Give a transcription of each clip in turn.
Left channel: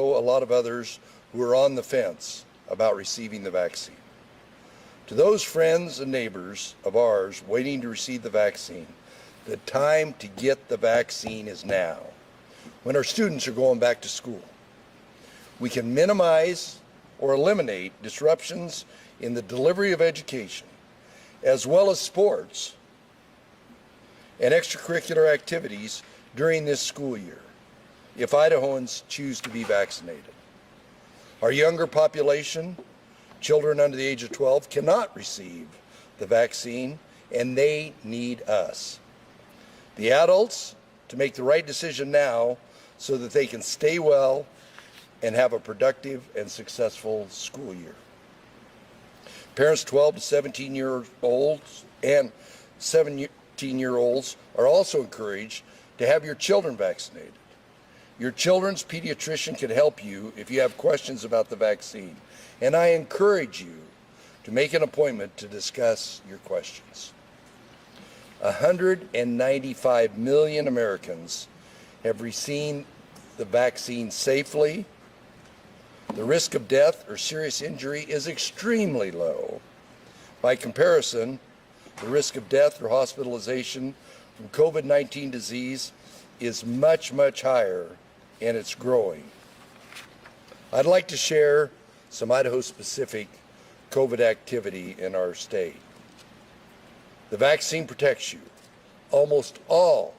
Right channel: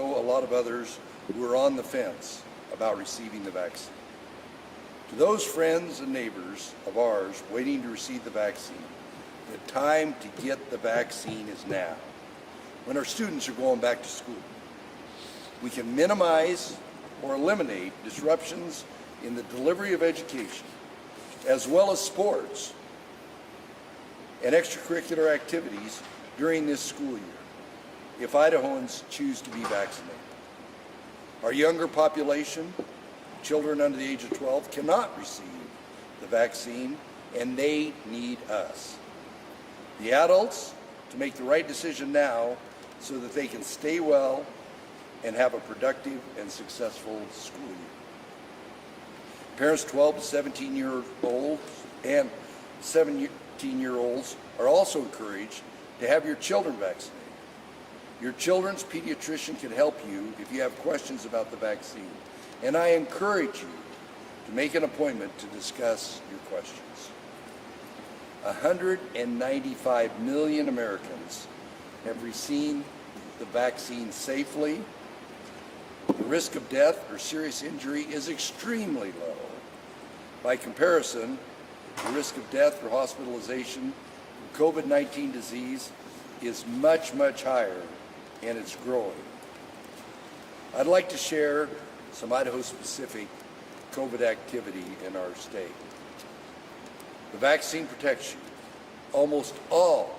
a lot of others who are on the fence about receiving the vaccine. To those friends and neighbors of ours waiting to receive the vaccine, the time to get the vaccine is now, when our students are going back to school. We can minimize or eliminate disruptions in the delivery of education, as well as sports and extracurricular activities during this school year, if Idahoans choose to be vaccinated. Our younger population, children under the age of 12, cannot receive the vaccine, and they need us, the adults, to make the right decision now so that they can stay well and have a productive and successful school year. Parents 12 to 17-year-olds and 17-year-olds are also encouraged to have your children vaccinated. Your children's pediatrician can help you if you have questions about the vaccine, and I encourage you to make an appointment to discuss your questions. 195 million Americans have received the vaccine safely. The risk of death or serious injury is extremely low. By comparison, the risk of death or hospitalization from COVID-19 disease is much, much higher, and it's growing. I'd like to share some Idaho-specific COVID activity in our state. The vaccine protects you. Almost all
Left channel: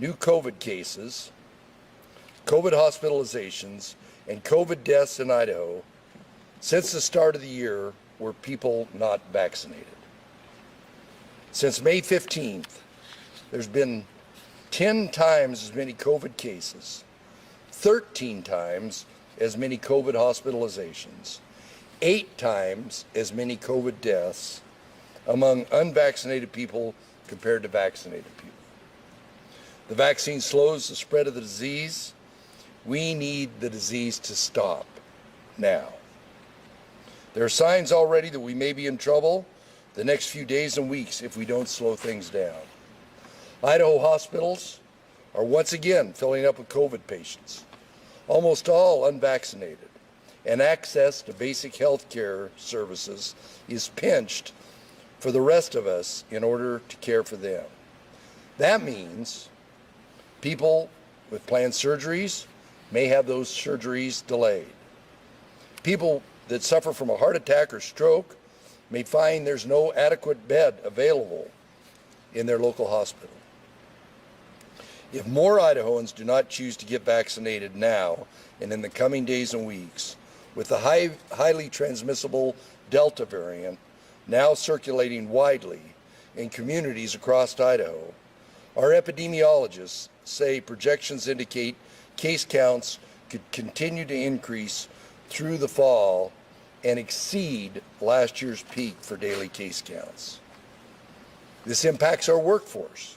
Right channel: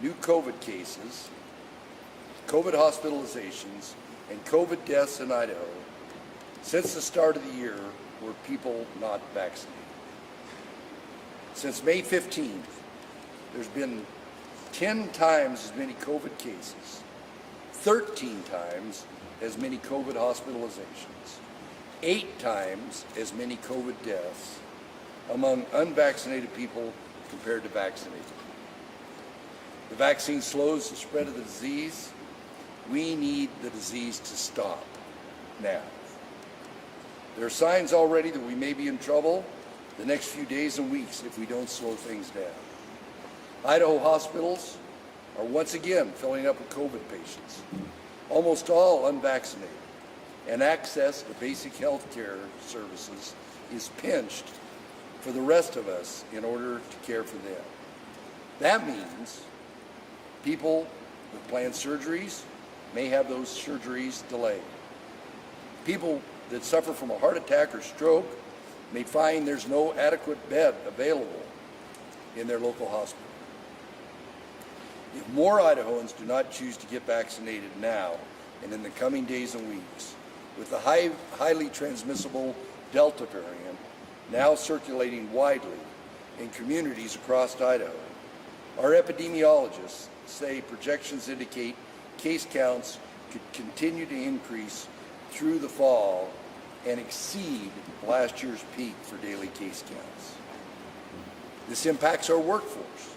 new COVID cases, COVID hospitalizations, and COVID deaths in Idaho since the start of the year were people not vaccinated. Since May 15th, there's been 10 times as many COVID cases, 13 times as many COVID hospitalizations, 8 times as many COVID deaths among unvaccinated people compared to vaccinated people. The vaccine slows the spread of the disease. We need the disease to stop now. There are signs already that we may be in trouble the next few days and weeks if we don't slow things down. Idaho hospitals are once again filling up with COVID patients, almost all unvaccinated, and access to basic health care services is pinched for the rest of us in order to care for them. That means people with planned surgeries may have those surgeries delayed. People that suffer from a heart attack or stroke may find there's no adequate bed available in their local hospital. If more Idahoans do not choose to get vaccinated now and in the coming days and weeks, with the highly transmissible Delta variant now circulating widely in communities across Idaho, our epidemiologists say projections indicate case counts could continue to increase through the fall and exceed last year's peak for daily case counts. This impacts our workforce.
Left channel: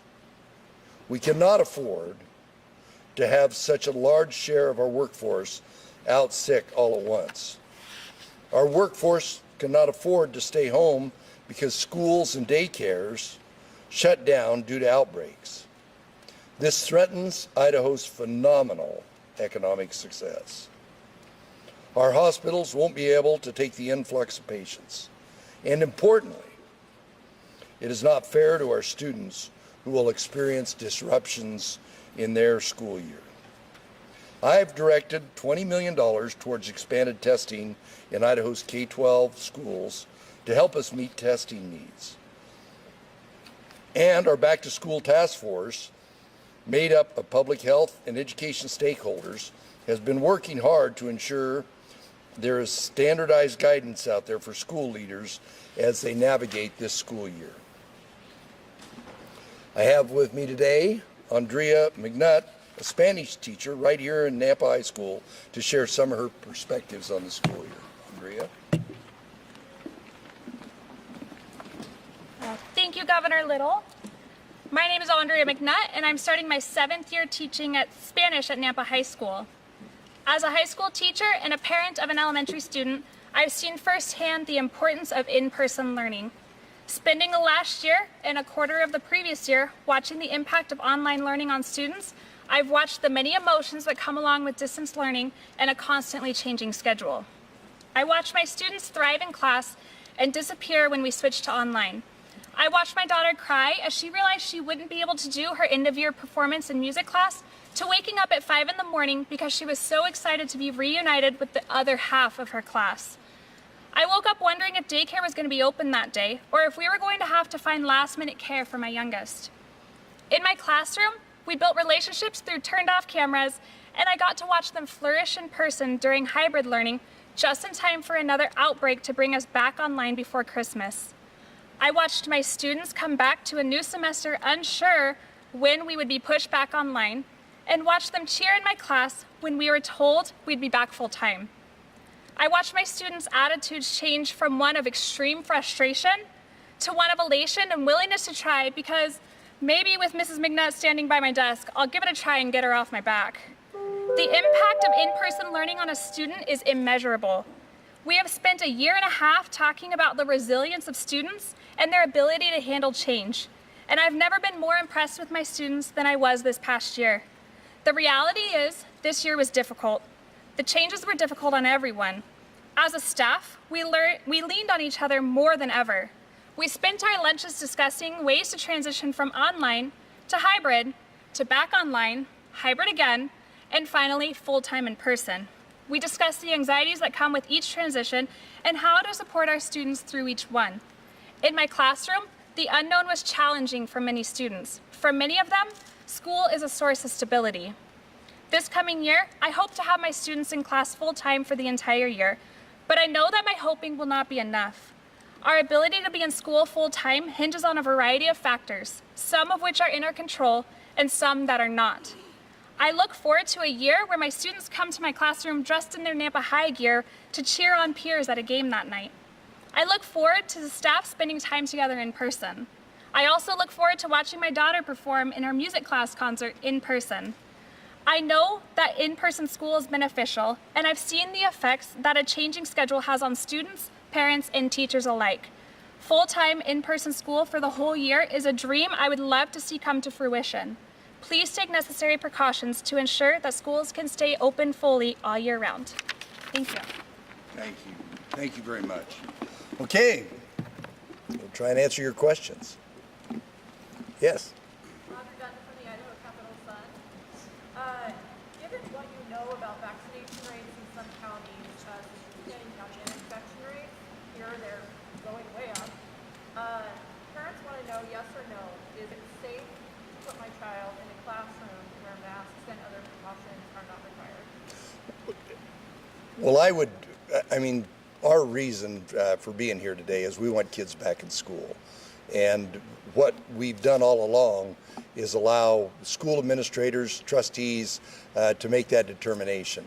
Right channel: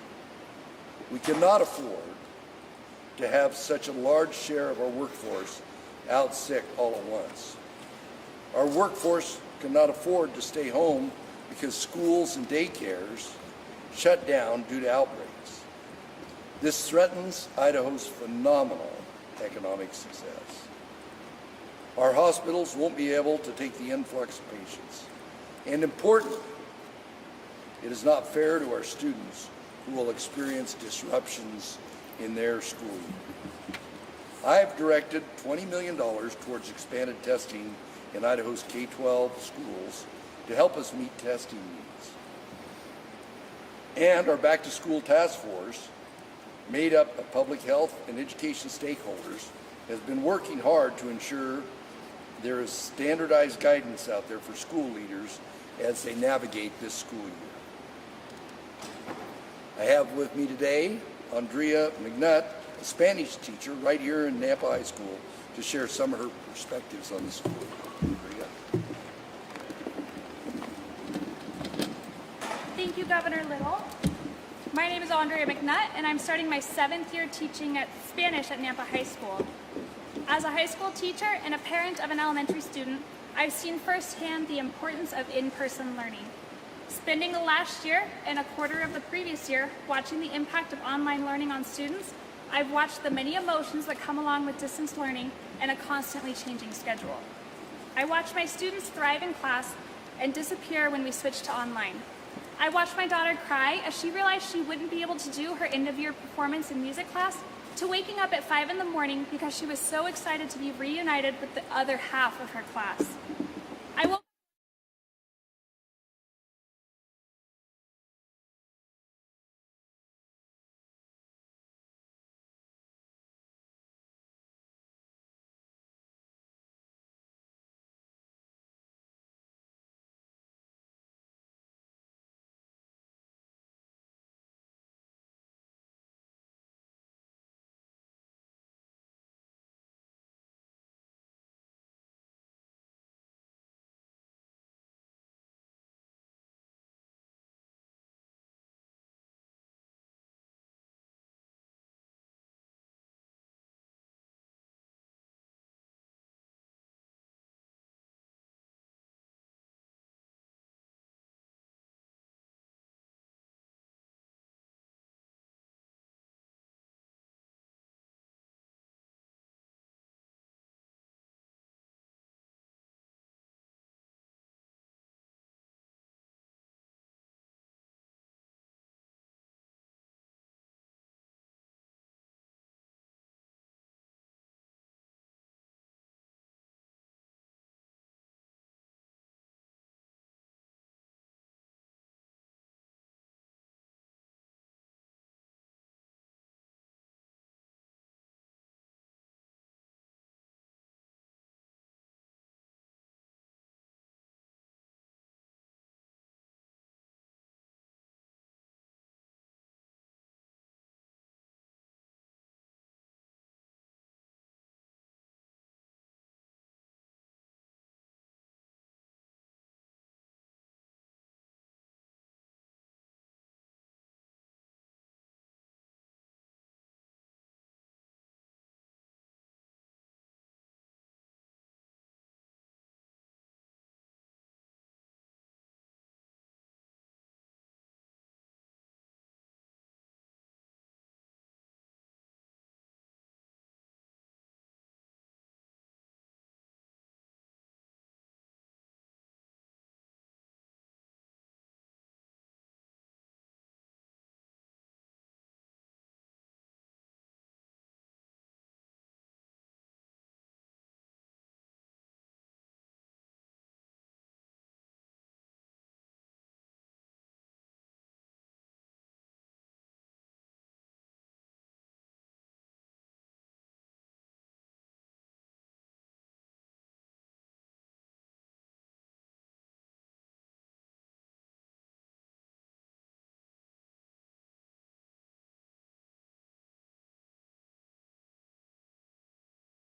We cannot afford to have such a large share of our workforce out sick all at once. Our workforce cannot afford to stay home because schools and daycares shut down due to outbreaks. This threatens Idaho's phenomenal economic success. Our hospitals won't be able to take the influx of patients. And importantly, it is not fair to our students who will experience disruptions in their school year. I have directed $20 million towards expanded testing in Idaho's K-12 schools to help us meet testing needs. And our Back to School Task Force, made up of public health and education stakeholders, has been working hard to ensure there is standardized guidance out there for school leaders as they navigate this school year. I have with me today Andrea McNutt, a Spanish teacher right here in Nampa High School, to share some of her perspectives on the school year. Andrea? Thank you, Governor Little. My name is Andrea McNutt, and I'm starting my 7th year teaching Spanish at Nampa High School. As a high school teacher and a parent of an elementary student, I've seen firsthand the importance of in-person learning. Spending the last year and a quarter of the previous year watching the impact of online learning on students, I've watched the many emotions that come along with distance learning and a constantly changing schedule. I watched my students thrive in class and disappear when we switched to online. I watched my daughter cry as she realized she wouldn't be able to do her end-of-year performance in music class, to waking up at 5 in the morning because she was so excited to be reunited with the other half of her class. I woke up wondering if daycare was going to be open that day, or if we were going to have to find last-minute care for my youngest. In my classroom, we built relationships through turned-off cameras, and I got to watch them flourish in person during hybrid learning, just in time for another outbreak to bring us back online before Christmas. I watched my students come back to a new semester unsure when we would be pushed back online, and watched them cheer in my class when we were told we'd be back full-time. I watched my students' attitudes change from one of extreme frustration to one of elation and willingness to try, because maybe with Mrs. McNutt standing by my desk, I'll give it a try and get her off my back. The impact of in-person learning on a student is immeasurable. We have spent a year and a half talking about the resilience of students and their ability to handle change, and I've never been more impressed with my students than I was this past year. The reality is, this year was difficult. The changes were difficult on everyone. As a staff, we leaned on each other more than ever. We spent our lunches discussing ways to transition from online to hybrid, to back online, hybrid again, and finally, full-time in person. We discussed the anxieties that come with each transition and how to support our students through each one. In my classroom, the unknown was challenging for many students. For many of them, school is a source of stability. This coming year, I hope to have my students in class full-time for the entire year, but I know that my hoping will not be enough. Our ability to be in school full-time hinges on a variety of factors, some of which are in our control and some that are not. I look forward to a year where my students come to my classroom dressed in their Nampa High gear to cheer on peers at a game that night. I look forward to the staff spending time together in person. I also look forward to watching my daughter perform in her music class concert in person. I know that in-person school is beneficial, and I've seen the effects that a changing schedule has on students, parents, and teachers alike. Full-time in-person school for the whole year is a dream I would love to see come to fruition. Please take necessary precautions to ensure that schools can stay open fully all year round. Thank you. Thank you. Thank you very much. Okay, we'll try and answer your questions. Yes? From the Idaho Capital Sun. Given what you know about vaccination rates in some counties, getting county infection rates, here they're going way up. Parents want to know, yes or no, is it safe to put my child in a classroom where masks and other precautions are not required? Well, our reason for being here today is we want kids back in school. And what we've done all along is allow school administrators, trustees to make that determination.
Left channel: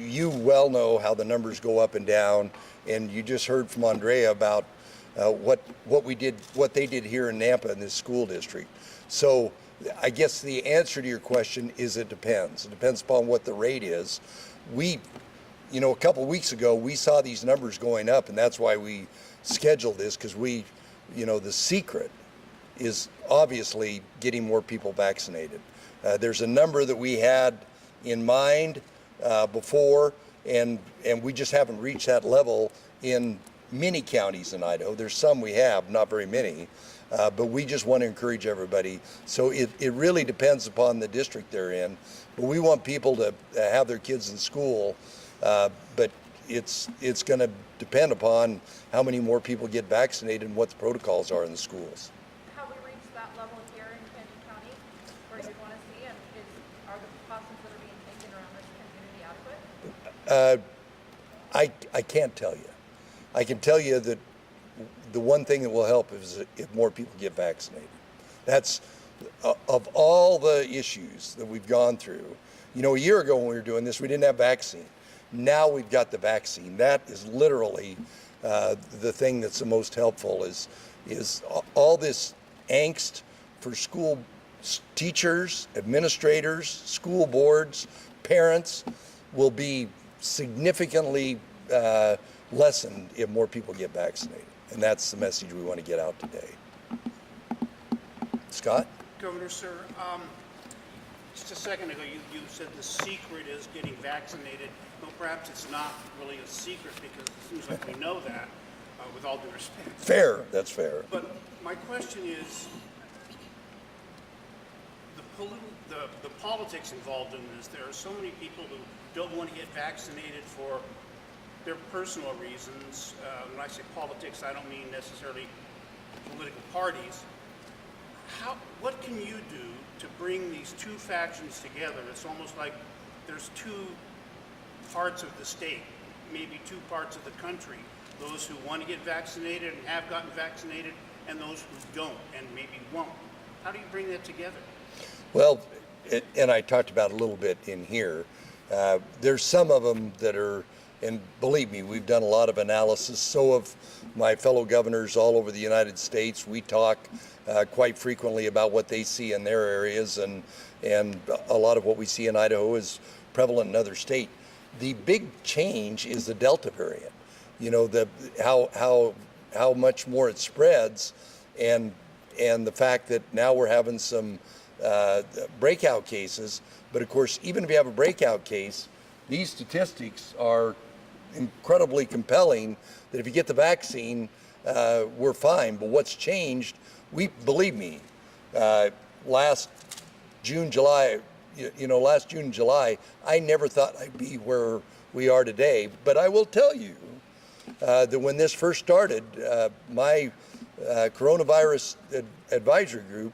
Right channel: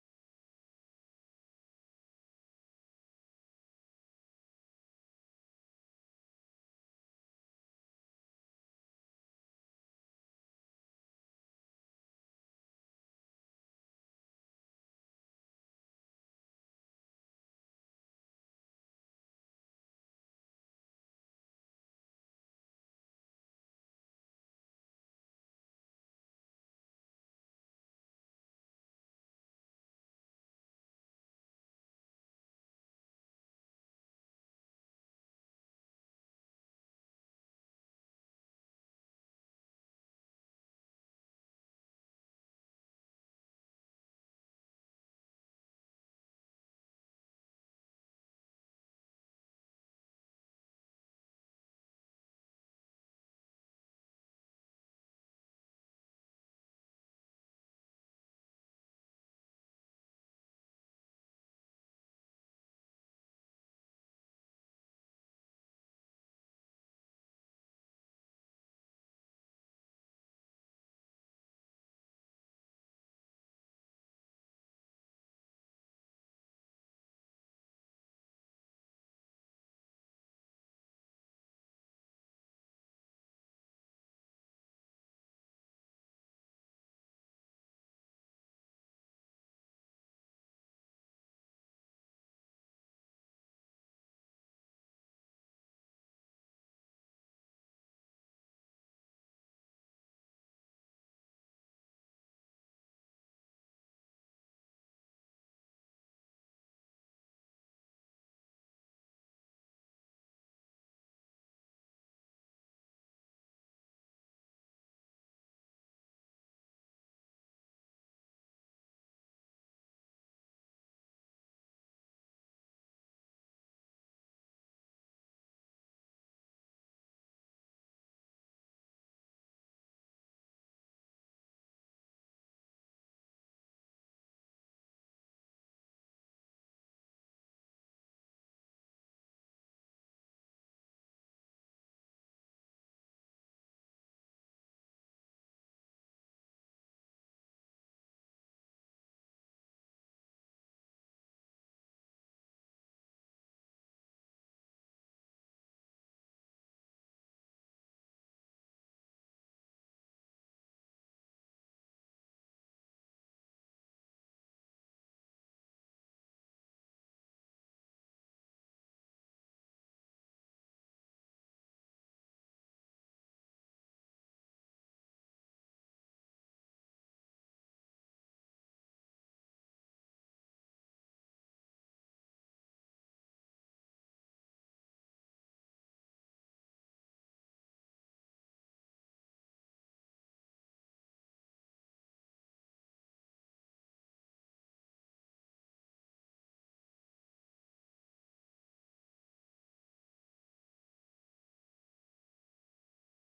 You well know how the numbers go up and down, and you just heard from Andrea about what they did here in Nampa in this school district. So I guess the answer to your question is it depends. It depends upon what the rate is. A couple weeks ago, we saw these numbers going up, and that's why we scheduled this, because the secret is obviously getting more people vaccinated. There's a number that we had in mind before, and we just haven't reached that level in many counties in Idaho. There's some we have, not very many, but we just want to encourage everybody. So it really depends upon the district they're in, but we want people to have their kids in school, but it's going to depend upon how many more people get vaccinated and what the protocols are in the schools. Have we reached that level here in Canyon County where you'd want to see, and are the precautions that are being taken around this community adequate? I can't tell you. I can tell you that the one thing that will help is if more people get vaccinated. That's, of all the issues that we've gone through, a year ago when we were doing this, we didn't have vaccine. Now we've got the vaccine. That is literally the thing that's the most helpful is all this angst for school teachers, administrators, school boards, parents will be significantly lessened if more people get vaccinated. And that's the message we want to get out today. Scott? Governor, sir, Just a second ago, you said the secret is getting vaccinated. Well, perhaps it's not really a secret because it seems like we know that, with all due respect. Fair, that's fair. But my question is, the politics involved in this. There are so many people who don't want to get vaccinated for their personal reasons. When I say politics, I don't mean necessarily political parties. What can you do to bring these two factions together? It's almost like there's two parts of the state, maybe two parts of the country. Those who want to get vaccinated and have gotten vaccinated, and those who don't and maybe won't. How do you bring that together? Well, and I talked about a little bit in here. There's some of them that are, and believe me, we've done a lot of analysis. So have my fellow governors all over the United States. We talk quite frequently about what they see in their areas, and a lot of what we see in Idaho is prevalent in other states. The big change is the Delta variant. You know, how much more it spreads, and the fact that now we're having some breakout cases. But of course, even if you have a breakout case, these statistics are incredibly compelling that if you get the vaccine, we're fine. But what's changed, believe me, last June, July, last June, July, I never thought I'd be where we are today. But I will tell you that when this first started, my coronavirus advisory group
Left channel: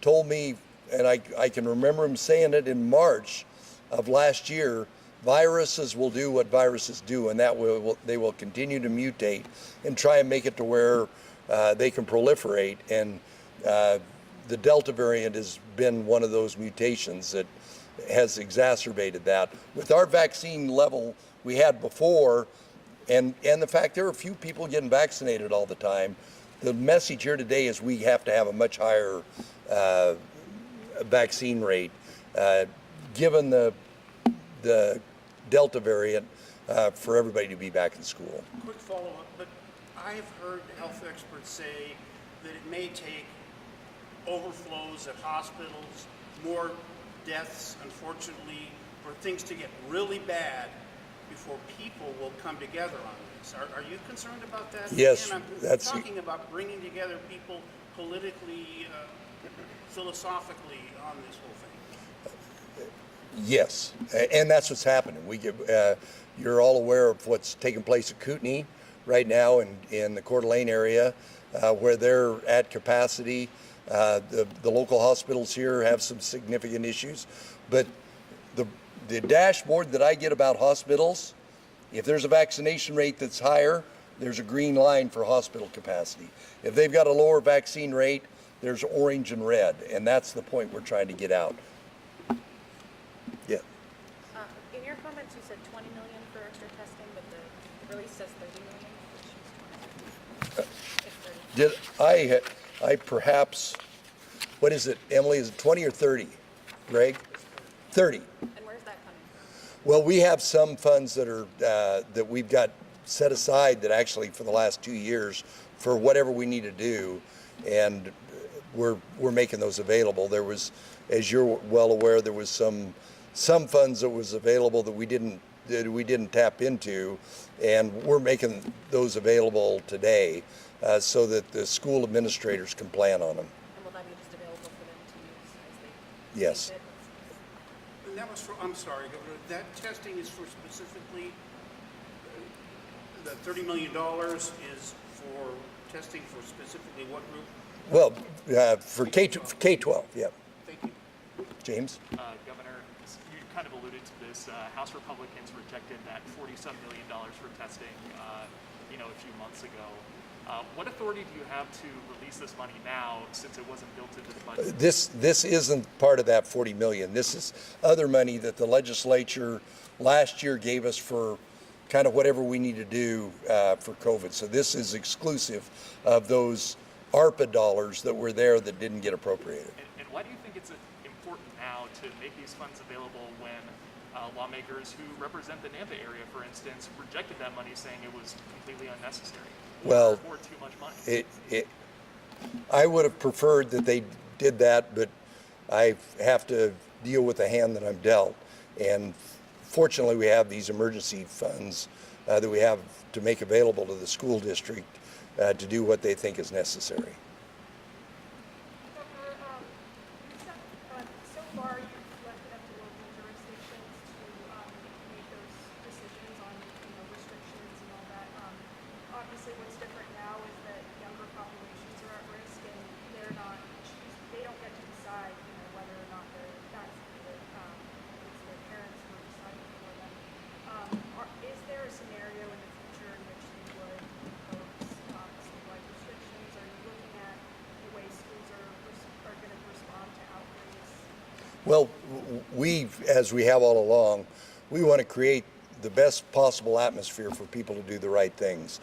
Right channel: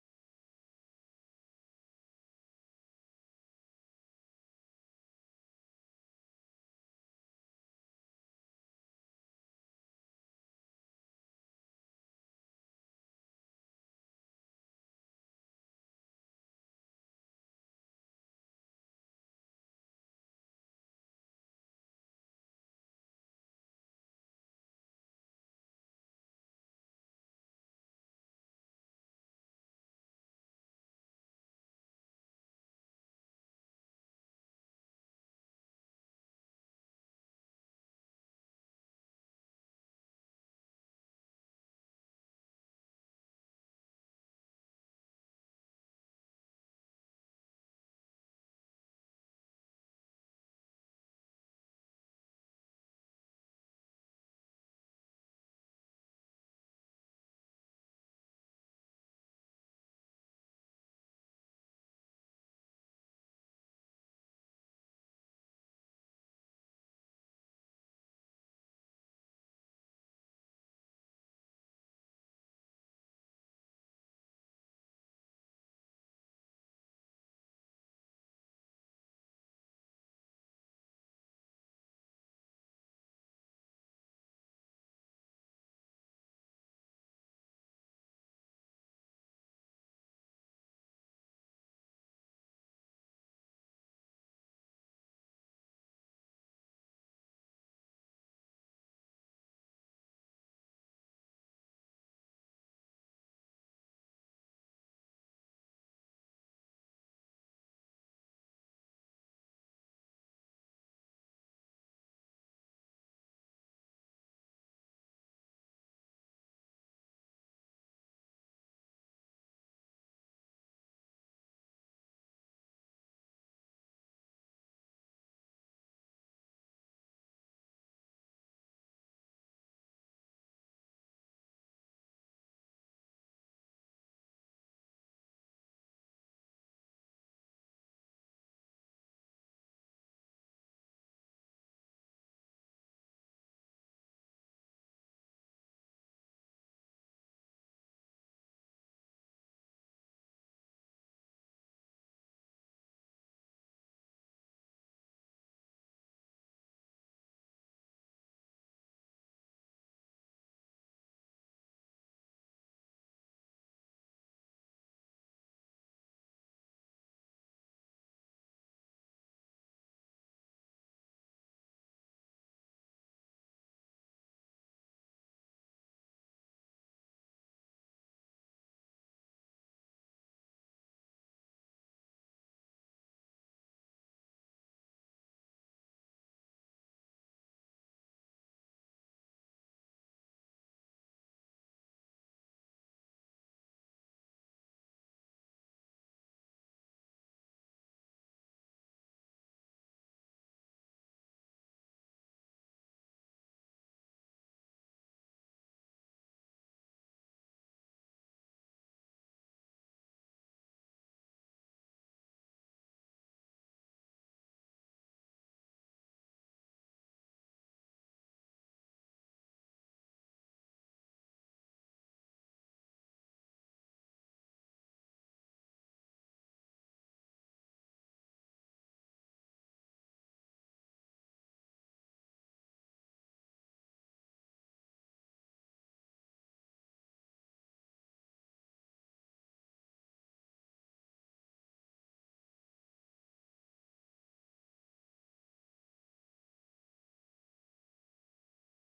told me, and I can remember him saying it in March of last year, viruses will do what viruses do, and they will continue to mutate and try and make it to where they can proliferate. And the Delta variant has been one of those mutations that has exacerbated that. With our vaccine level we had before, and the fact there are a few people getting vaccinated all the time, the message here today is we have to have a much higher vaccine rate, given the Delta variant, for everybody to be back in school. Quick follow-up, but I've heard health experts say that it may take overflows at hospitals, more deaths, unfortunately, for things to get really bad before people will come together on this. Are you concerned about that? Yes, and I'm talking about bringing together people politically, philosophically on this whole thing. Yes, and that's what's happening. You're all aware of what's taking place at Kootenai right now in the Coeur d'Alene area, where they're at capacity. The local hospitals here have some significant issues, but the dashboard that I get about hospitals, if there's a vaccination rate that's higher, there's a green line for hospital capacity. If they've got a lower vaccine rate, there's orange and red, and that's the point we're trying to get out. Yeah. In your comments, you said 20 million for extra testing, but the release says 30 million, which is 20. Did I perhaps, what is it, Emily, is it 20 or 30? Greg? 30. And where's that coming from? Well, we have some funds that are that we've got set aside that actually for the last 2 years for whatever we need to do, and we're making those available. There was, as you're well aware, there was some funds that was available that we didn't tap into, and we're making those available today so that the school administrators can plan on them. And will that be just available for them to use as they Yes. see fit? And that was for, I'm sorry, Governor, that testing is for specifically, the $30 million is for testing for specifically what group? Well, for K-12, yeah. Thank you. James? Governor, you kind of alluded to this. House Republicans rejected that $47 million for testing, a few months ago. What authority do you have to release this money now, since it wasn't built into the budget? This isn't part of that 40 million. This is other money that the legislature last year gave us for kind of whatever we need to do for COVID. So this is exclusive of those ARPA dollars that were there that didn't get appropriated. And why do you think it's important now to make these funds available when lawmakers who represent the Nampa area, for instance, rejected that money, saying it was completely unnecessary? Well, or too much money? I would have preferred that they did that, but I have to deal with the hand that I'm dealt. And fortunately, we have these emergency funds that we have to make available to the school district to do what they think is necessary. Governor, you said so far you've left it up to local jurisdictions to make those decisions on restrictions and all that. Obviously, what's different now is that younger populations are at risk and they don't get to decide whether or not they're vaccinated. It's their parents who are deciding for them. Is there a scenario in the future in which you would impose statewide restrictions? Are you looking at the way schools are going to respond to outbreaks? Well, as we have all along, we want to create the best possible atmosphere for people to do the right things.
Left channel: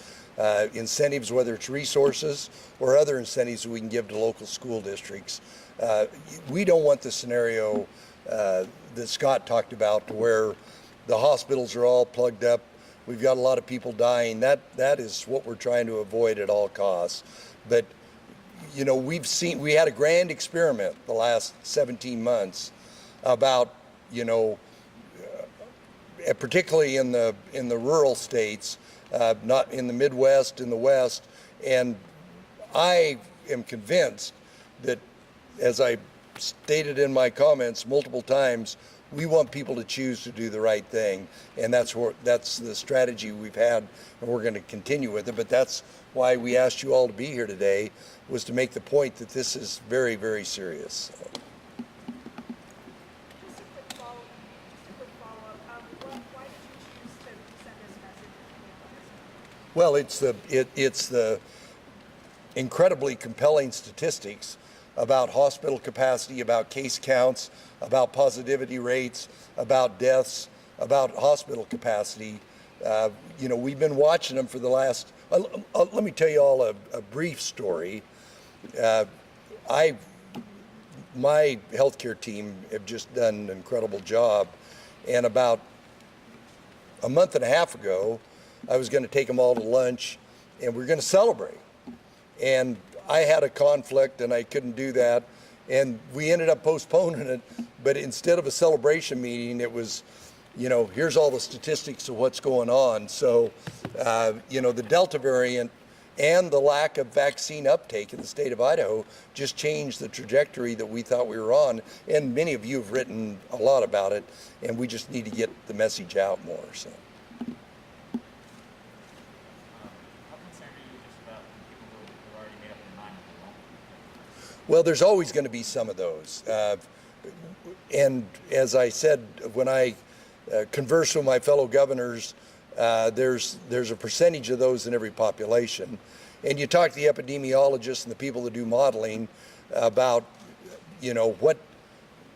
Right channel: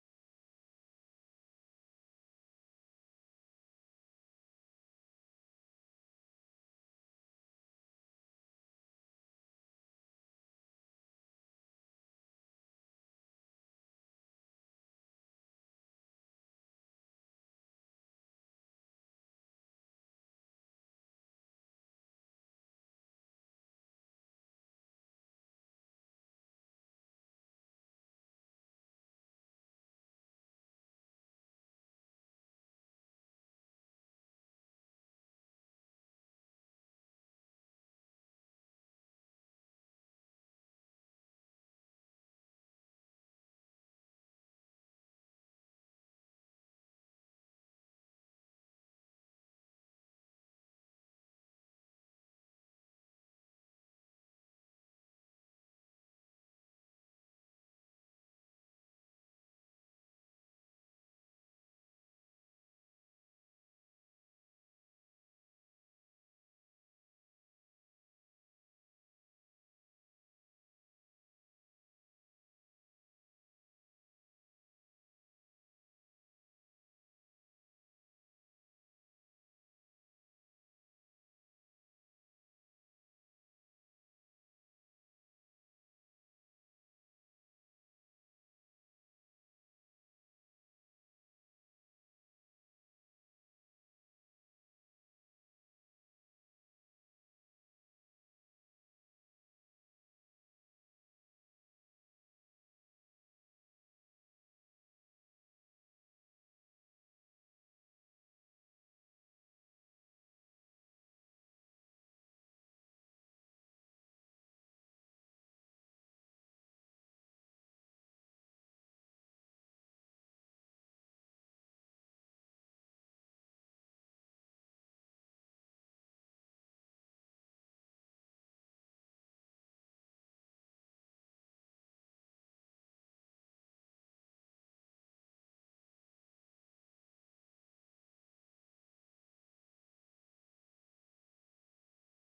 Incentives, whether it's resources or other incentives that we can give to local school districts. We don't want the scenario that Scott talked about, to where the hospitals are all plugged up. We've got a lot of people dying. That is what we're trying to avoid at all costs. But we had a grand experiment the last 17 months about, particularly in the rural states, not in the Midwest, in the West. And I am convinced that, as I stated in my comments multiple times, we want people to choose to do the right thing, and that's the strategy we've had, and we're going to continue with it. But that's why we asked you all to be here today, was to make the point that this is very, very serious. Just a quick follow-up. Why did you choose to send this message? Well, it's the incredibly compelling statistics about hospital capacity, about case counts, about positivity rates, about deaths, about hospital capacity. We've been watching them for the last. Let me tell you all a brief story. My healthcare team have just done an incredible job, and about a month and a half ago, I was going to take them all to lunch, and we we're going to celebrate. And I had a conflict, and I couldn't do that, and we ended up postponing it. But instead of a celebration meeting, it was, here's all the statistics of what's going on. So, the Delta variant and the lack of vaccine uptake in the state of Idaho just changed the trajectory that we thought we were on. And many of you have written a lot about it, and we just need to get the message out more. So. Well, there's always going to be some of those. And as I said, when I converse with my fellow governors, there's a percentage of those in every population. And you talk to the epidemiologists and the people that do modeling about,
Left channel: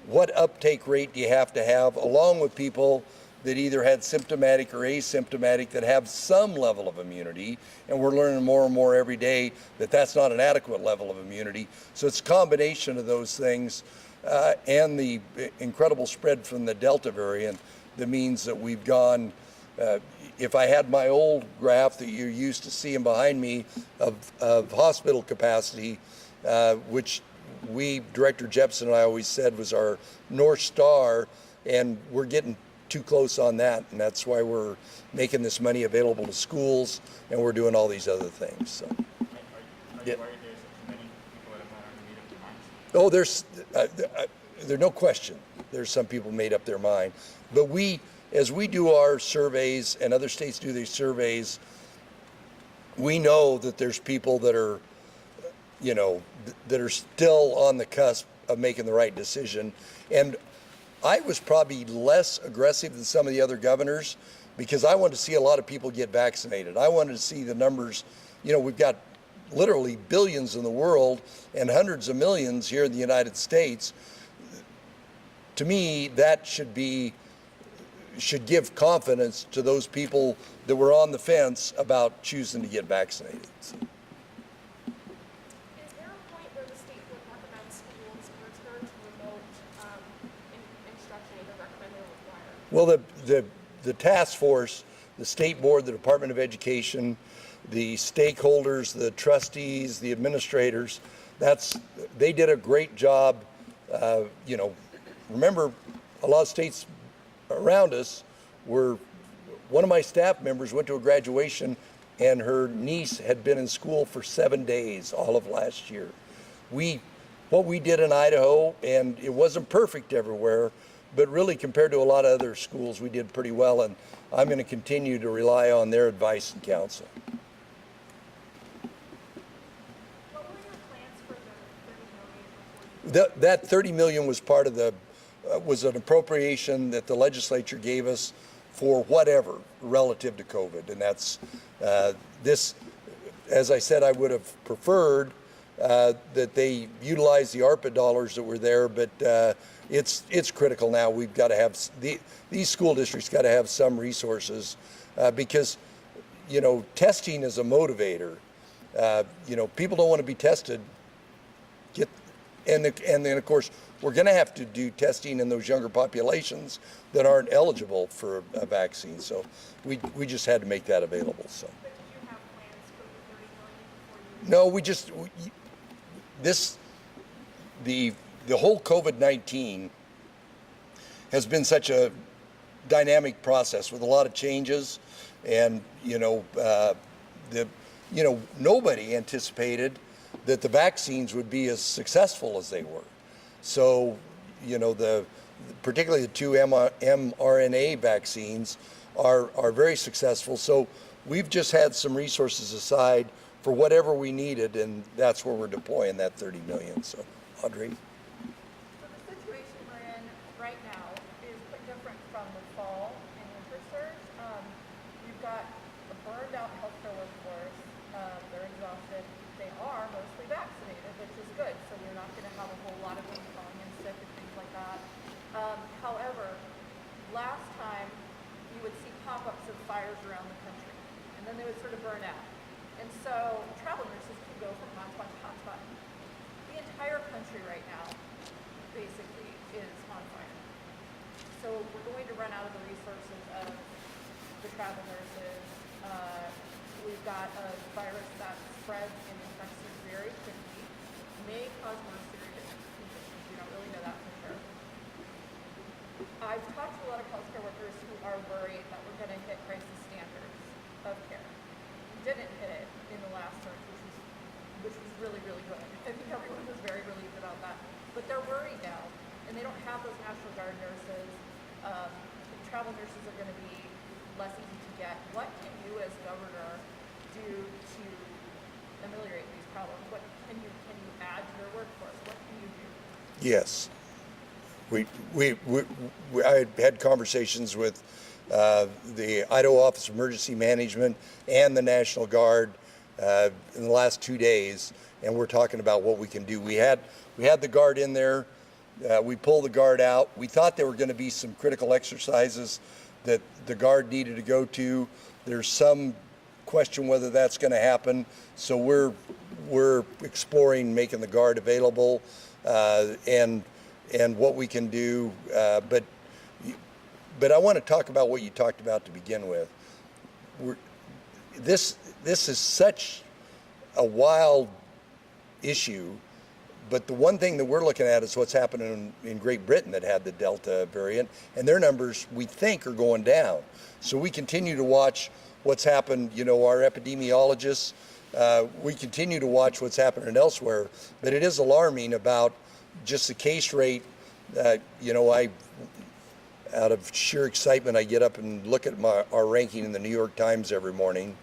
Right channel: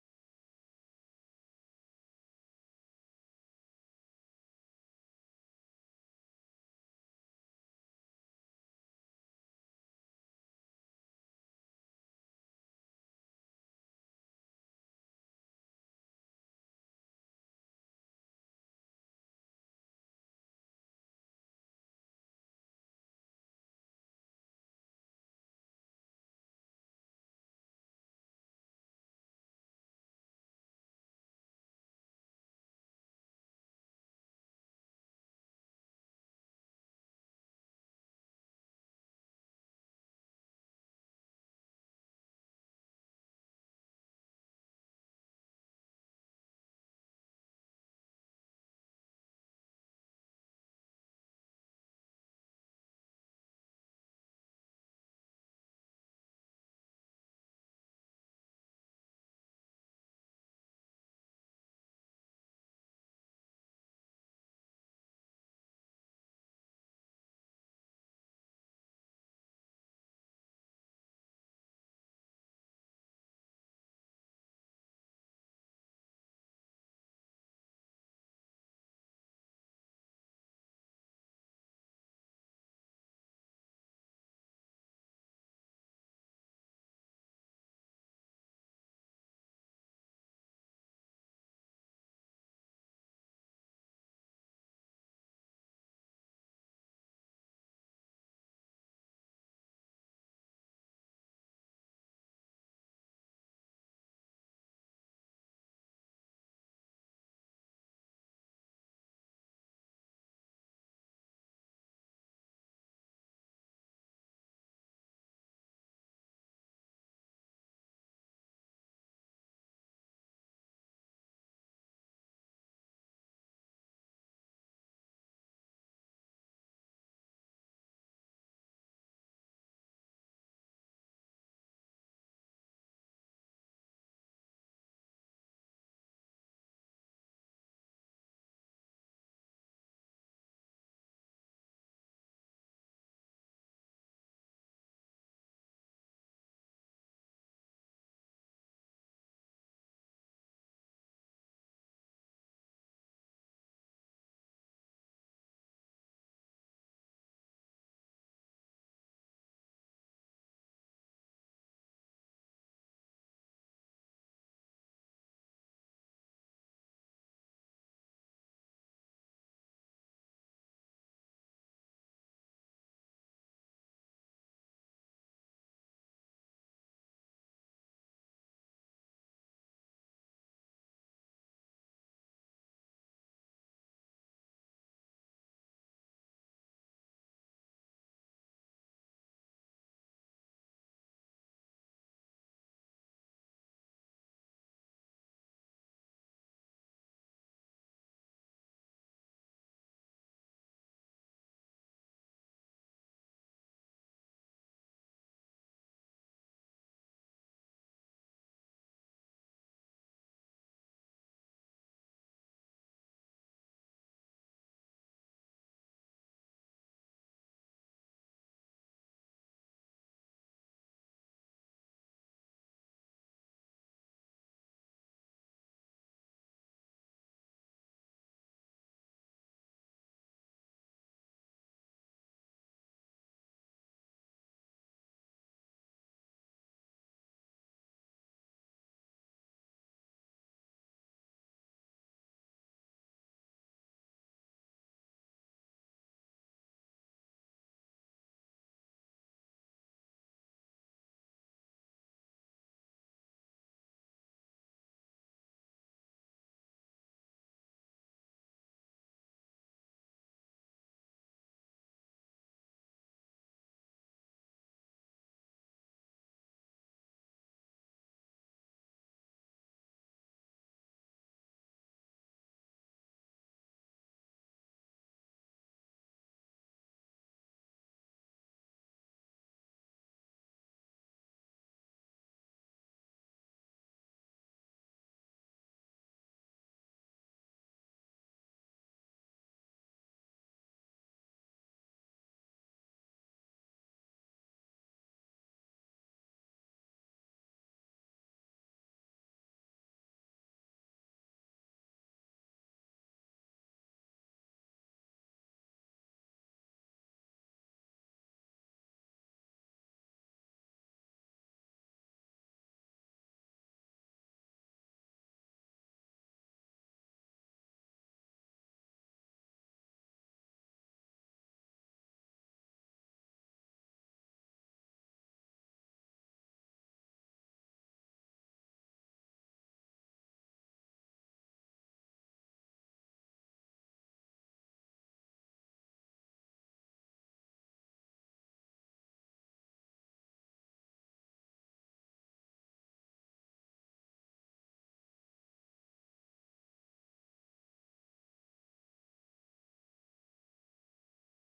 what uptake rate do you have to have, along with people that either had symptomatic or asymptomatic that have some level of immunity. And we're learning more and more every day that that's not an adequate level of immunity. So it's a combination of those things and the incredible spread from the Delta variant that means that we've gone, if I had my old graph that you're used to seeing behind me of hospital capacity, which Director Jepson and I always said was our North Star, and we're getting too close on that, and that's why we're making this money available to schools, and we're doing all these other things. So. Are you worried there's too many people that are not made up their minds? Oh, there's no question. There's some people made up their mind, but as we do our surveys and other states do their surveys, we know that there's people that are, that are still on the cusp of making the right decision. And I was probably less aggressive than some of the other governors because I wanted to see a lot of people get vaccinated. I wanted to see the numbers. We've got literally billions in the world and hundreds of millions here in the United States. To me, that should give confidence to those people that were on the fence about choosing to get vaccinated. So. Is there a point where the state would recommend schools return to remote instruction, either recommend or require? Well, the task force, the state board, the Department of Education, the stakeholders, the trustees, the administrators, they did a great job, remember, a lot of states around us were, one of my staff members went to a graduation and her niece had been in school for 7 days all of last year. What we did in Idaho, and it wasn't perfect everywhere, but really compared to a lot of other schools, we did pretty well, and I'm going to continue to rely on their advice and counsel. What were your plans for the $30 million before you? That 30 million was part of the, was an appropriation that the legislature gave us for whatever relative to COVID. And that's this, as I said, I would have preferred that they utilize the ARPA dollars that were there, but it's critical now. We've got to have, these school districts got to have some resources because, you know, testing is a motivator. You know, people don't want to be tested. And then, of course, we're going to have to do testing in those younger populations that aren't eligible for a vaccine. So we just had to make that available. So. But did you have plans for the $30 million before you? No, the whole COVID-19 has been such a dynamic process with a lot of changes, and nobody anticipated that the vaccines would be as successful as they were. So, you know, particularly the two mRNA vaccines are very successful. So we've just had some resources aside for whatever we needed, and that's where we're deploying that 30 million. So, Audrey. So the situation we're in right now is quite different from the fall and winter surge. You've got a burned out healthcare workforce. They're exhausted. They are mostly vaccinated, which is good. So we're not going to have a whole lot of them falling in sick and things like that. However, last time you would see pop-ups of fires around the country, and then they would sort of burn out. And so travel nurses can go from hotspot to hotspot. The entire country right now basically is on fire. So we're going to run out of the resources of the travel nurses. We've got a virus that spreads and infects you very quickly, may cause more serious conditions. We don't really know that for sure. I've talked to a lot of healthcare workers who are worried that we're going to hit crisis standards of care. We didn't hit it in the last surge, which was really, really good. I think everyone was very relieved about that. But they're worried now, and they don't have those National Guard nurses. Travel nurses are going to be less easy to get. What can you as governor do to ameliorate these problems? What can you add to your workforce? What can you do? Yes. I had conversations with the Idaho Office of Emergency Management and the National Guard in the last 2 days, and we're talking about what we can do. We had the Guard in there. We pulled the Guard out. We thought there were going to be some critical exercises that the Guard needed to go to. There's some question whether that's going to happen. So we're exploring making the Guard available and what we can do. But I want to talk about what you talked about to begin with. This is such a wild issue. But the one thing that we're looking at is what's happening in Great Britain that had the Delta variant, and their numbers, we think, are going down. So we continue to watch what's happened. You know, our epidemiologists, we continue to watch what's happening elsewhere. But it is alarming about just the case rate. You know, out of sheer excitement, I get up and look at our ranking in the New York Times every morning.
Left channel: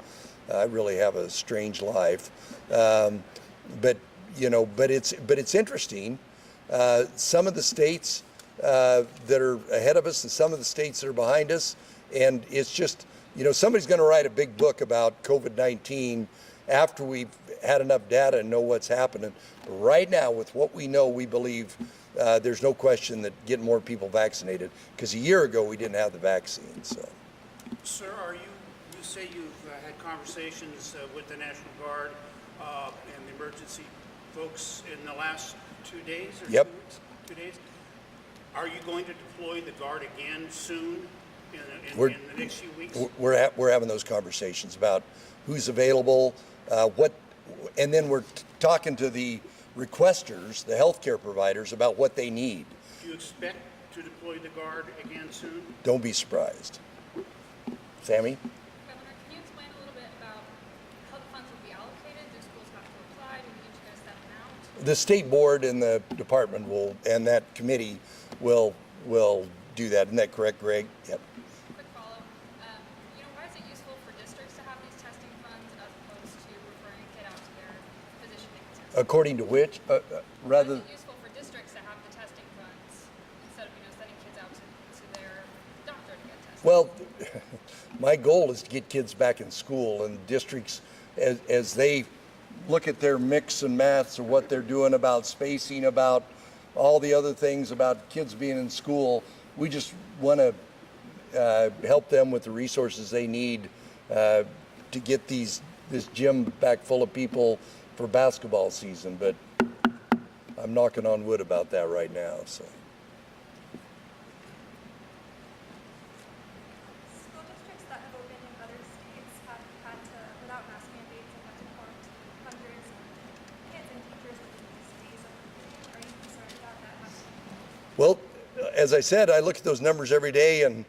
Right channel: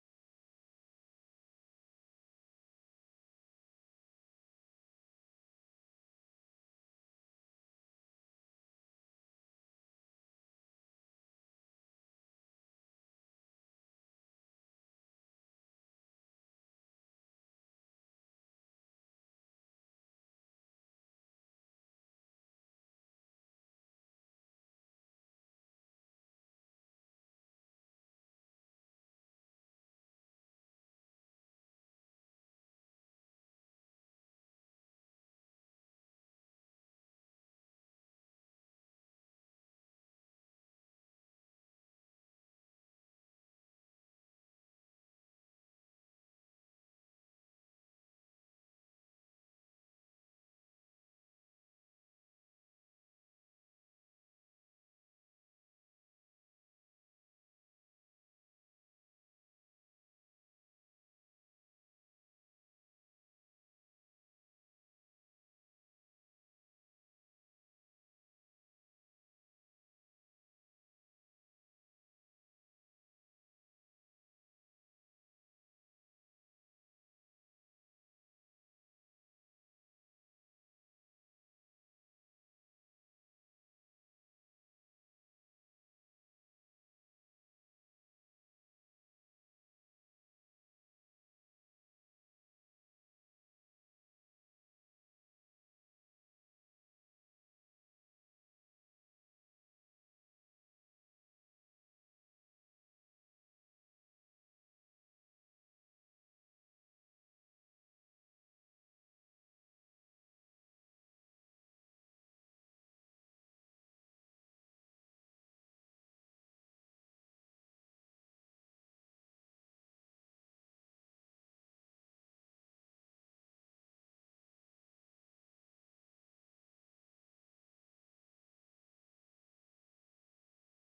I really have a strange life. But it's interesting. Some of the states that are ahead of us and some of the states that are behind us, and it's just, you know, somebody's going to write a big book about COVID-19 after we've had enough data and know what's happening. But right now, with what we know, we believe there's no question that getting more people vaccinated, because a year ago we didn't have the vaccine. So, Sir, you say you've had conversations with the National Guard and the emergency folks in the last 2 days or Yep. 2 days. Are you going to deploy the Guard again soon in the next few weeks? we're having those conversations about who's available, and then we're talking to the requesters, the healthcare providers, about what they need. Do you expect to deploy the Guard again soon? Don't be surprised. Sammy? Governor, can you explain a little bit about how the funds will be allocated? Do schools have to apply? Do we need you guys to send them out? The state board and the department will, and that committee will do that. Isn't that correct, Greg? Yep. Quick follow-up. Why is it useful for districts to have these testing funds as opposed to referring a kid out to their physician to get tested? According to which, Why rather, is it useful for districts to have the testing funds instead of sending kids out to their doctor to get tested? well, my goal is to get kids back in school, and districts, as they look at their mix and maths of what they're doing about spacing, about all the other things about kids being in school, we just want to help them with the resources they need to get this gym back full of people for basketball season. But I'm knocking on wood about that right now. So. School districts that have opened in other states have had to, without mask mandates, have had to quarantine hundreds of kids and teachers within these days of opening. Are you concerned about that happening? Well, as I said, I look at those numbers every day, and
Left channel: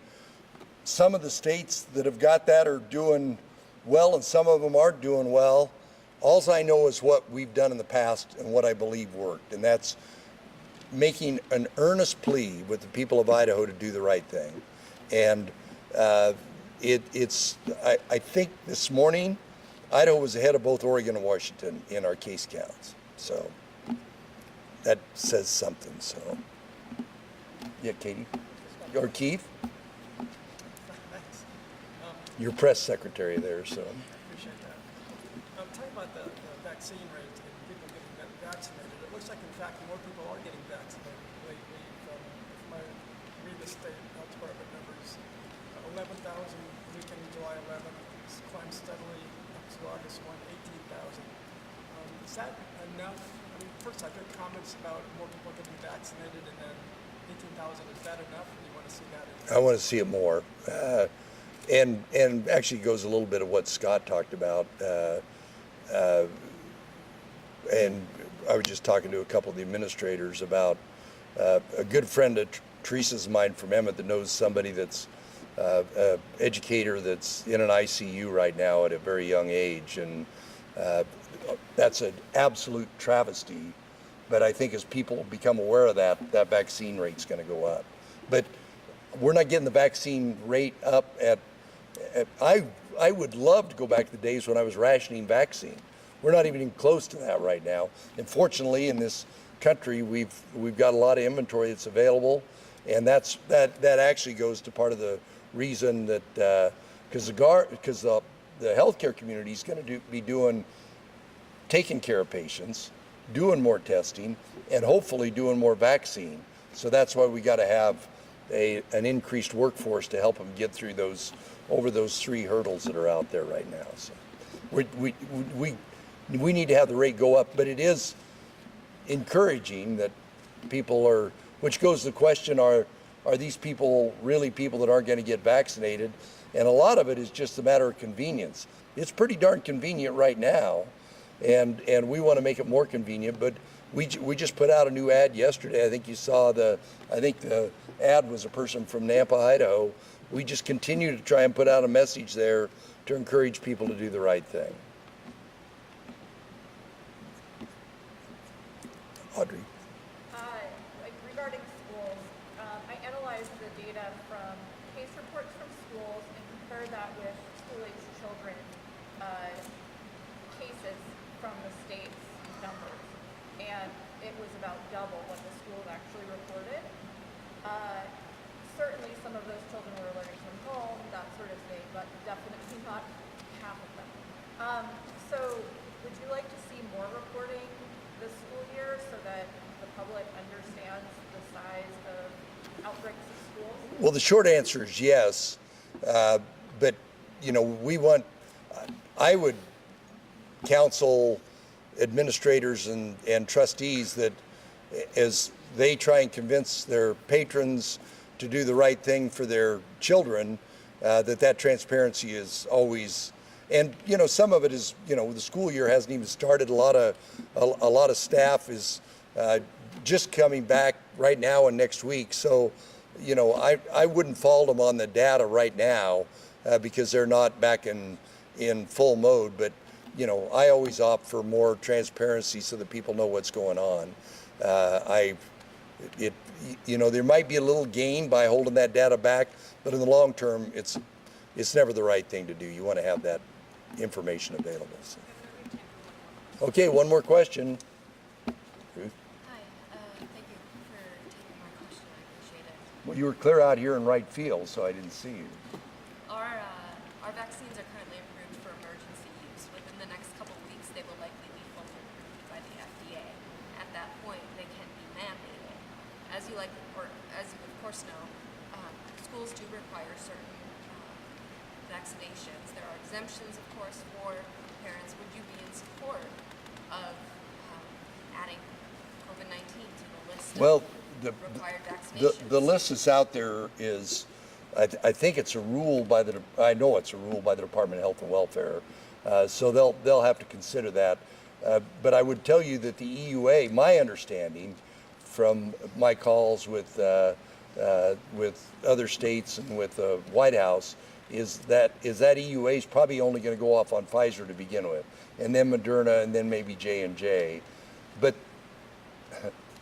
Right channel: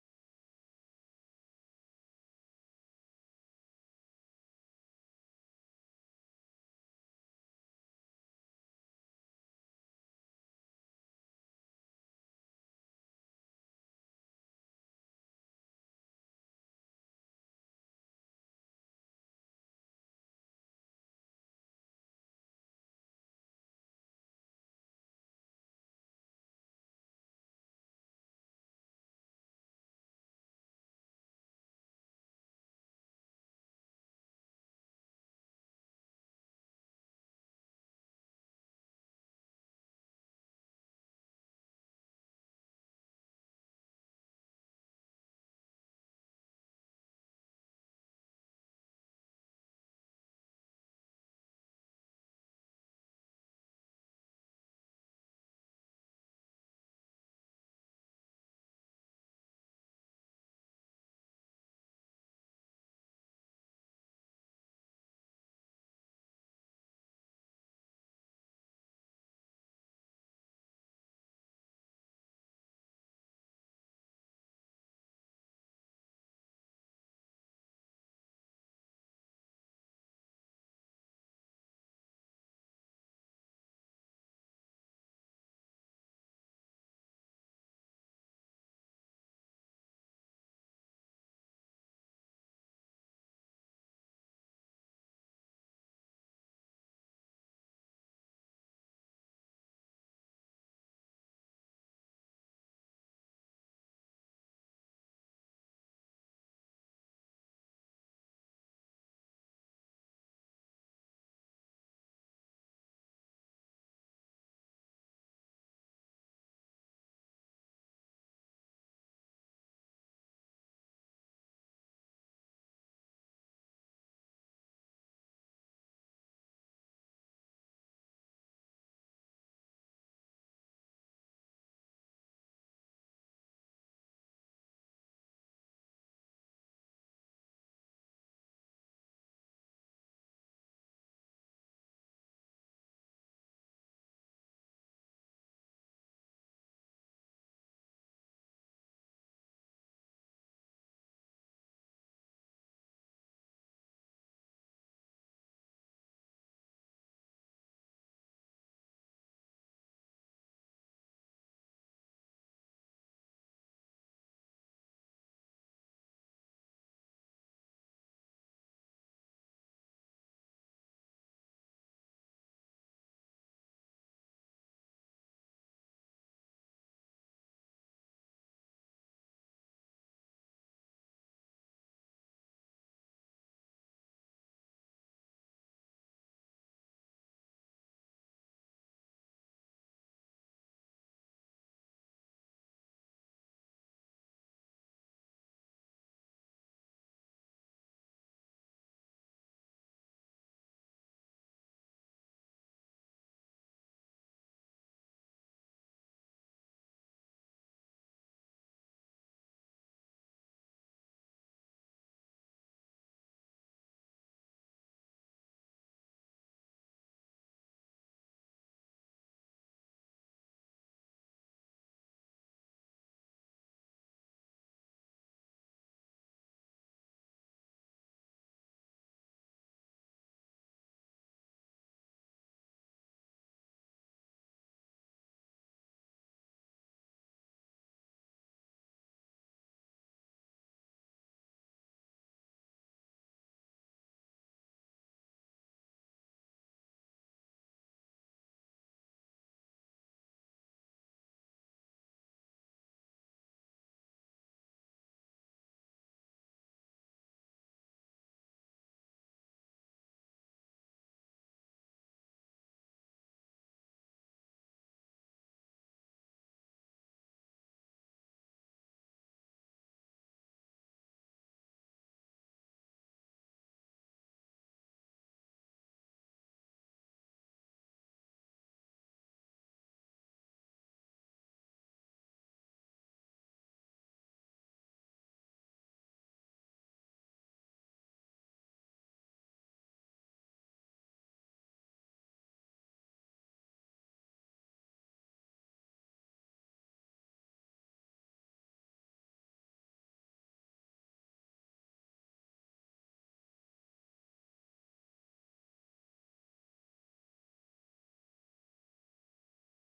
some of the states that have got that are doing well, and some of them aren't doing well. All I know is what we've done in the past and what I believe worked, and that's making an earnest plea with the people of Idaho to do the right thing. And I think this morning, Idaho was ahead of both Oregon and Washington in our case counts. So that says something. So, yeah, Katie or Keith, your press secretary there. So. Appreciate that. Talking about the vaccine rate and people getting vaccinated, it looks like, in fact, more people are getting vaccinated lately. If I read the state health department numbers, 11,000 weekend July 11th, it's climbed steadily up to August 1, 18,000. Is that enough? I mean, first, I've heard comments about more people getting vaccinated, and then 18,000. Is that enough? Or do you want to see that? I want to see it more. And actually goes a little bit of what Scott talked about. And I was just talking to a couple of the administrators about a good friend of Teresa's mine from Emmett that knows somebody that's an educator that's in an ICU right now at a very young age. And that's an absolute travesty. But I think as people become aware of that, that vaccine rate's going to go up. But we're not getting the vaccine rate up I would love to go back to the days when I was rationing vaccine. We're not even close to that right now. And fortunately, in this country, we've got a lot of inventory that's available, and that actually goes to part of the reason that because the healthcare community is going to be taking care of patients, doing more testing, and hopefully doing more vaccine. So that's why we got to have an increased workforce to help them get through over those three hurdles that are out there right now. So we need to have the rate go up, but it is encouraging that people are, which goes to the question, are these people really people that aren't going to get vaccinated? And a lot of it is just a matter of convenience. It's pretty darn convenient right now, and we want to make it more convenient, but we just put out a new ad yesterday. I think you saw the ad was a person from Nampa, Idaho. We just continue to try and put out a message there to encourage people to do the right thing. Audrey. Regarding schools, I analyzed the data from case reports from schools and compared that with school-aged children cases from the state's numbers, and it was about double what the schools actually reported. Certainly some of those children were learning from home, that sort of thing, but definitely not half of them. So would you like to see more reporting this school year so that the public understands the size of outbreaks in schools? Well, the short answer is yes, but I would counsel administrators and trustees that as they try and convince their patrons to do the right thing for their children, that transparency is always, and some of it is, the school year hasn't even started. A lot of staff is just coming back right now and next week, so you know, I wouldn't fault them on the data right now because they're not back in full mode. But, you know, I always opt for more transparency so that people know what's going on. You know, there might be a little gain by holding that data back, but in the long term, it's never the right thing to do. You want to have that information available. So. Okay, one more question. Ruth? Hi, thank you for taking my question. I appreciate it. Well, you were clear out here in right field, so I didn't see you. Our vaccines are currently approved for emergency use. Within the next couple of weeks, they will likely be fully approved by the FDA. At that point, they can be mandated. As you of course know, schools do require certain vaccinations. There are exemptions, of course, for parents. Would you be in support of adding COVID-19 to the list Well, of required vaccinations? the list that's out there is, I think it's a rule by I know it's a rule by the Department of Health and Welfare, so they'll have to consider that. But I would tell you that the EUA, my understanding from my calls with other states and with the White House, is that EUA is probably only going to go off on Pfizer to begin with, and then Moderna, and then maybe J&J. But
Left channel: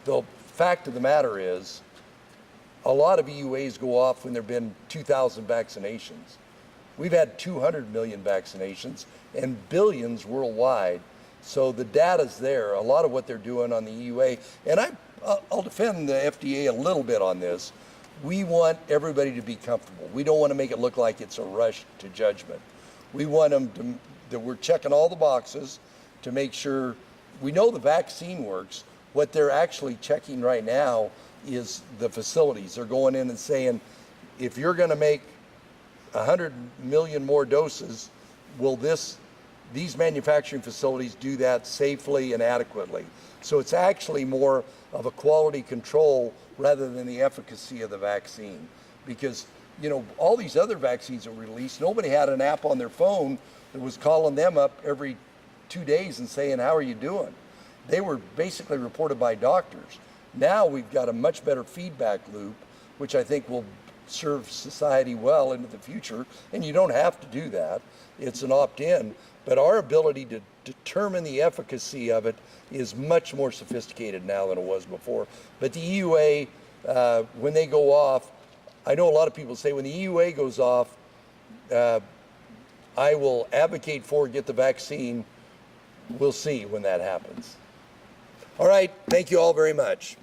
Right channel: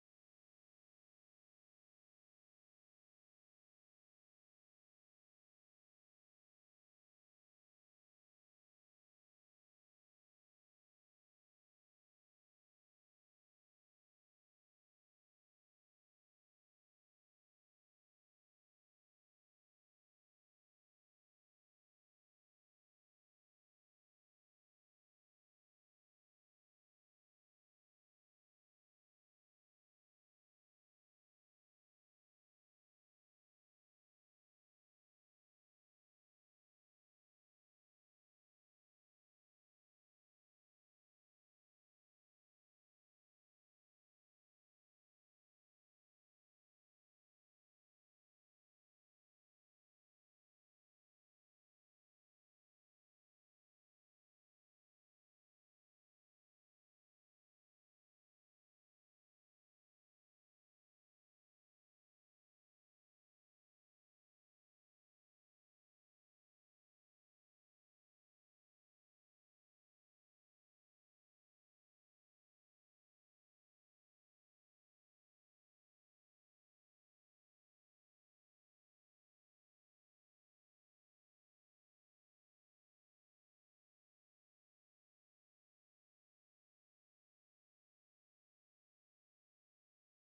the fact of the matter is, a lot of EUAs go off when there have been 2,000 vaccinations. We've had 200 million vaccinations and billions worldwide. So the data's there. A lot of what they're doing on the EUA, and I'll defend the FDA a little bit on this. We want everybody to be comfortable. We don't want to make it look like it's a rush to judgment. We want them that we're checking all the boxes to make sure we know the vaccine works. What they're actually checking right now is the facilities. They're going in and saying, if you're going to make 100 million more doses, will these manufacturing facilities do that safely and adequately? So it's actually more of a quality control rather than the efficacy of the vaccine. Because, you know, all these other vaccines that were released, nobody had an app on their phone that was calling them up every 2 days and saying, how are you doing? They were basically reported by doctors. Now we've got a much better feedback loop, which I think will serve society well into the future. And you don't have to do that. It's an opt-in. But our ability to determine the efficacy of it is much more sophisticated now than it was before. But the EUA, when they go off, I know a lot of people say when the EUA goes off, I will advocate for get the vaccine. We'll see when that happens. All right, thank you all very much.